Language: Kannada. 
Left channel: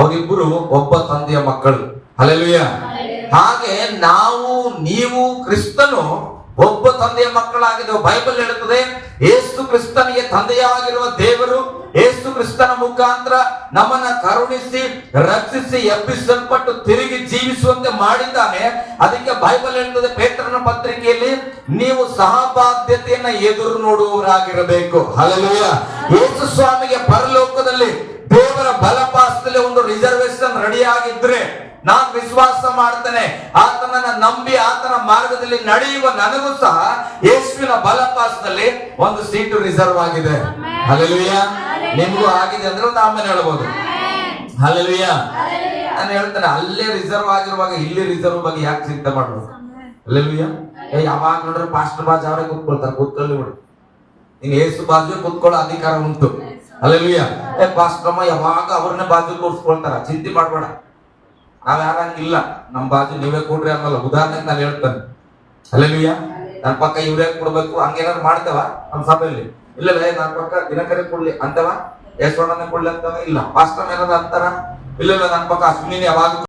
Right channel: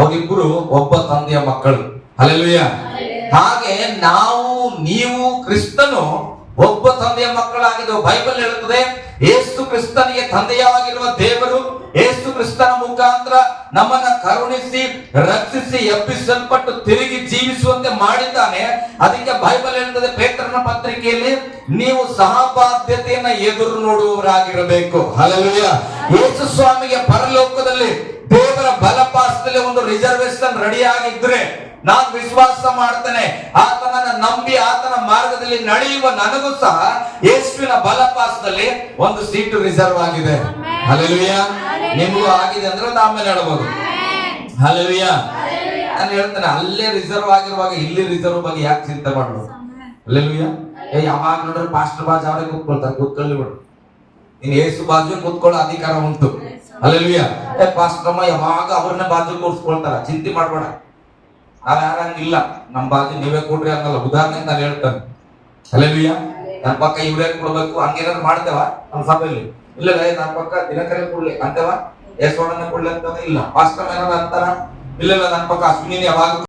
ಅವರಿಬ್ಬರು ಒಬ್ಬ ತಂದೆಯ ಮಕ್ಕಳು. ಹಲ್ಲೆಲೂಯಾ. ಹಾಗೆ ನೀವು ಕ್ರಿಸ್ತನು ಒಬ್ಬ ತಂದೆಯ ಮಕ್ಕಳಾಗಿದ್ದೇವೆ. ಬೈಬಲ್ ಹೇಳುತ್ತದೆ, ಯೇಸು ಕ್ರಿಸ್ತನಿಗೆ ತಂದೆಯಾಗಿರುವ ದೇವರು ಯೇಸು ಕ್ರಿಸ್ತನ ಮುಖಾಂತರ ನಮ್ಮನ್ನ ಕರುಣಿಸಿ ರಕ್ಷಿಸಿ ಎಬ್ಬಿಸಲ್ಪಟ್ಟು ತಿರುಗಿ ಜೀವಿಸುವಂತೆ ಮಾಡಿದ್ದಾನೆ. ಅದಕ್ಕೆ ಬೈಬಲ್ ಹೇಳುತ್ತದೆ ಪೇತ್ರನ ಪತ್ರಿಕೆಯಲ್ಲಿ, ನೀವು ಸಹಬಾಧ್ಯತೆಯನ್ನ ಎದುರು ನೋಡುವವರಾಗಿರಬೇಕು. ಹಲ್ಲೆಲೂಯಾ. ಯೇಸು ಸ್ವಾಮಿಗೆ ಪರಲೋಕದಲ್ಲಿ ದೇವರ ಬಲಪಾಸದಲ್ಲಿ ಒಂದು ರಿಸರ್ವೇಶನ್ ರೆಡಿ ಆಗಿದ್ರೆ, ನಾನು ವಿಶ್ವಾಸ ಮಾಡ್ತೇನೆ ಆತನನ್ನ ನಂಬಿ ಆತನ ಮಾರ್ಗದಲ್ಲಿ ನಡೆಯುವ ನನಗೂ ಸಹ ಯೇಸುವಿನ ಬಲಪಾಸದಲ್ಲಿ ಒಂದು ಸೀಟು ರಿಸರ್ವ್ ಆಗಿದೆ. ಹಲ್ಲೆಲೂಯಾ. ನಿಮಗೂ ಆಗಿದೆ ಅಂದ್ರೆ ಒಂದು ಆಮೇಲೆ ಹೇಳ್ಬೋದು. ಹಲ್ಲೆಲೂಯಾ. ನಾನು ಹೇಳ್ತೇನೆ, ಅಲ್ಲೇ ರಿಸರ್ವ್ ಆಗಿರುವಾಗ ಇಲ್ಲಿ ರಿಸರ್ವ್ ಬಗ್ಗೆ ಯಾಕೆ ಚಿಂತೆ ಮಾಡೋದು? ಹಲ್ಲೆಲೂಯಾ. ಯಾವಾಗ ನೋಡ್ರೆ ಪಾಸ್ಟರ್ ಬಾಜು ಅವರೇ ಕೂತ್ಕೊಳ್ತಾರೆ, ಕೂತ್ಕೊಳ್ಳಿ ಬಿಡು, ನೀನ್ ಯೇಸು ಬಾಜು ಕೂತ್ಕೊಳ್ಳೋ ಅಧಿಕಾರ ಉಂಟು. ಹಲ್ಲೆಲೂಯಾ. ಪಾಸ್ಟರ್ಮ್ಮ ಯಾವಾಗ ಅವ್ರನ್ನೇ ಬಾಜು ಕೂರಿಸ್ಕೊಳ್ತಾರ, ಚಿಂತೆ ಮಾಡ್ಬೇಡ. ನಾವ್ ಯಾರಂಗಿಲ್ಲ, ನಮ್ ಬಾಜು ನೀವೇ ಕೊಡ್ರಿ ಅನ್ನಲ್ಲ. ಉದಾಹರಣೆಗೆ ನಾನು ಹೇಳ್ತೇನೆ. ಹಲ್ಲೆಲೂಯಾ. ನನ್ನ ಪಕ್ಕ ಇವ್ರೇ ಕೊಡ್ಬೇಕು ಹಂಗೇನಾದ್ರು ಮಾಡ್ತೇವ ನಮ್ಮ ಸಭೆಯಲ್ಲಿ? ಇಲ್ಲ, ನನ್ನ ಪಕ್ಕ ದಿನಕರೇ ಕೊಡ್ಲಿ ಅಂತವ, ಯೇಸುವಣ್ಣನೇ ಕೊಡ್ಲಿ ಅಂತವ? ಇಲ್ಲ. ಪಾಸ್ಟರ್ ಏನಾದ್ರು ಅಂತಾರ? ಇಲ್ಲ, ನನ್ನ ಪಕ್ಕ ಅಶ್ವಿನಿ ಯಾವಾಗ